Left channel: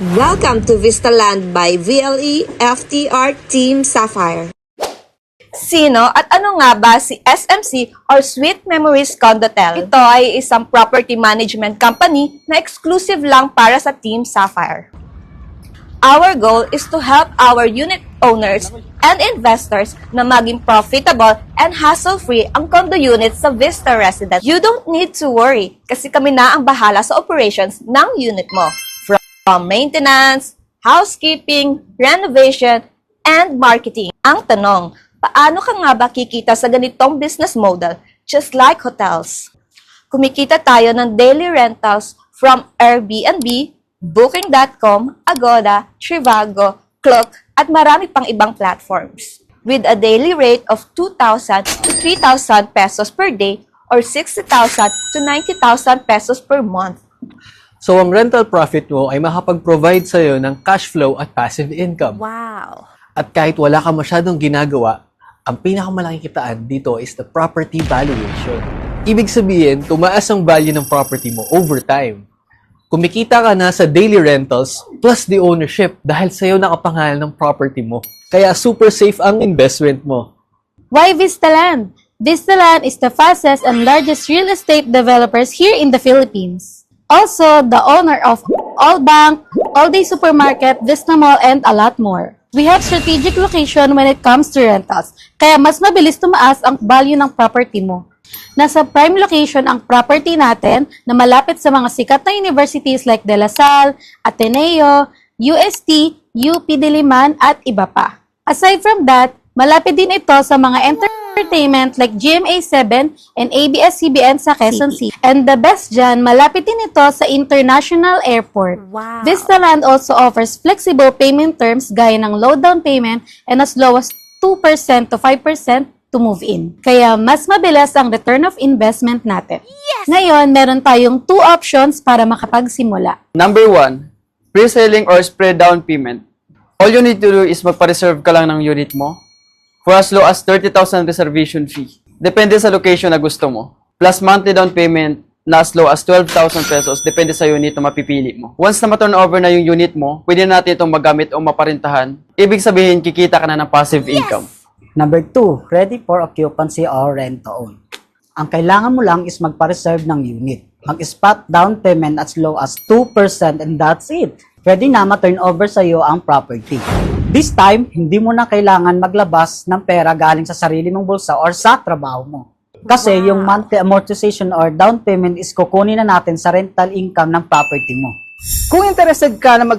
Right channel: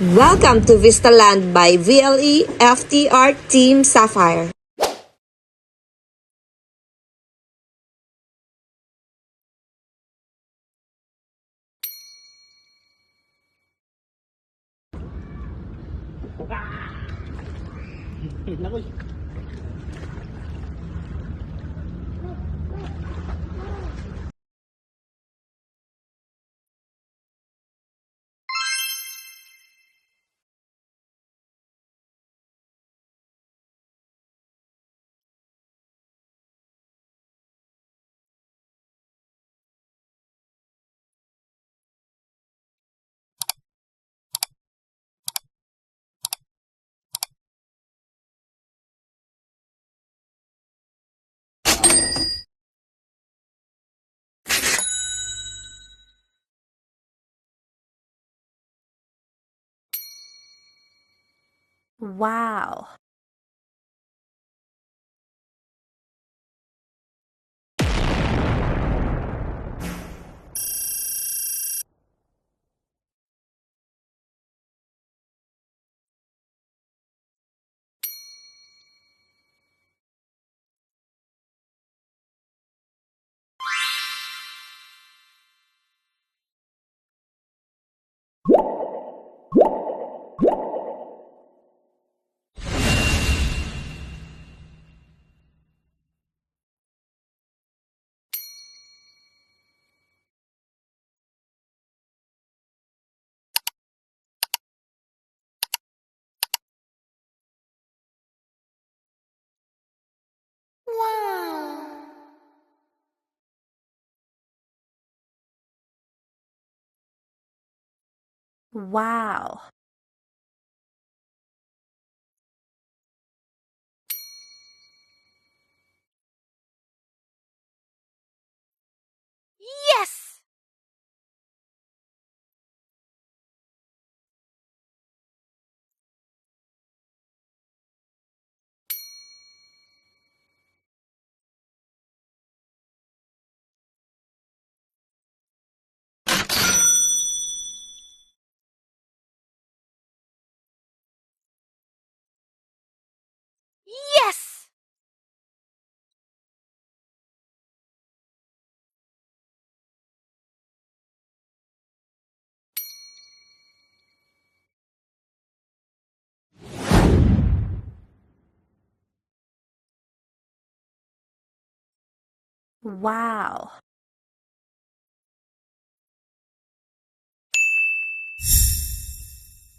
Welcome to Vistaland by VLE FTR Team Sapphire. Sino at ano nga ba si SMC or Sweet Memories Condotel? Ito ay isang property management company na exclusive lang para sa Team Sapphire. Our goal is to help our unit owners and investors na maging profitable and hassle-free ang condo units sa Vista Residence. You don't need to worry kasi kami na ang bahala sa operations ng unit mo. From maintenance, housekeeping, renovation, and marketing. Ang tanong, paano ka nga ba kikita sa ganitong business model just like hotels? Kumikita tayo ng daily rentals from Airbnb, Booking.com, Agoda, Trivago, Klook, at marami pang ibang platforms. With a daily rate of 2,000 to 3,000 pesos per day or 60,000 to 90,000 pesos per month. So, ang rental profit mo ay makapag-provide sa'yo ng cash flow at passive income. Wow! At kahit wala ka masyadong ginagawa, ang pinakamalaking kitaan dito is the property valuation. Ibig sabihin, tumaas ang value ng property mo over time. Kumikita ka na sa daily rentals plus the ownership dahil sa'yo nakapangalan ng property mo. Kaya super safe ang investment mo. Why Vistaland? Vistaland is the fastest and largest real estate developers here in the Philippines. Also, the owner of All Bank, All Day Supermarket, Vista Mall, and a lot more. We have strategic location when it comes to rentals, kaya mas mabilis tumaas ang value ng property mo. Nasa prime location ang property natin na malapit sa mga sikat na universities like De La Salle, Ateneo, UST, UP Diliman, at iba pa. Aside from that, malapit din ito sa mga entertainment like GMA7 and ABS-CBN sa Quezon City. And the best dyan, malapit din ito sa International Airport. Wow! Vistaland also offers flexible payment terms gaya ng low down payment and as low as 2% to 5% to move in. Kaya mas mabilis ang return of investment natin. Yes! Ngayon, meron tayong 2 options para makapagsimula. Number 1, pre-selling or spread down payment. All you need to do is magpa-reserve ka lang ng unit mo for as low as 30,000 reservation fee. Depende sa location na gusto mo. Plus monthly down payment na as low as 12,000 pesos. Depende sa unit na mapipili mo. Once na ma-turn over na yung unit mo, pwede natin itong magamit o maparintahan. Ibig sabihin, kikita ka na ng passive income. Number 2, ready for occupancy or rent to own. Ang kailangan mo lang is magpa-reserve ng unit. Mag-spot down payment as low as 2% and that's it. Pwede na ma-turn over sa iyo ang property. This time, hindi mo na kailangan maglabas ng pera galing sa sarili mong bulsa or sa trabaho mo. Kasi yung monthly amortization or down payment is kukunin na natin sa rental income ng property mo. Kung interested ka na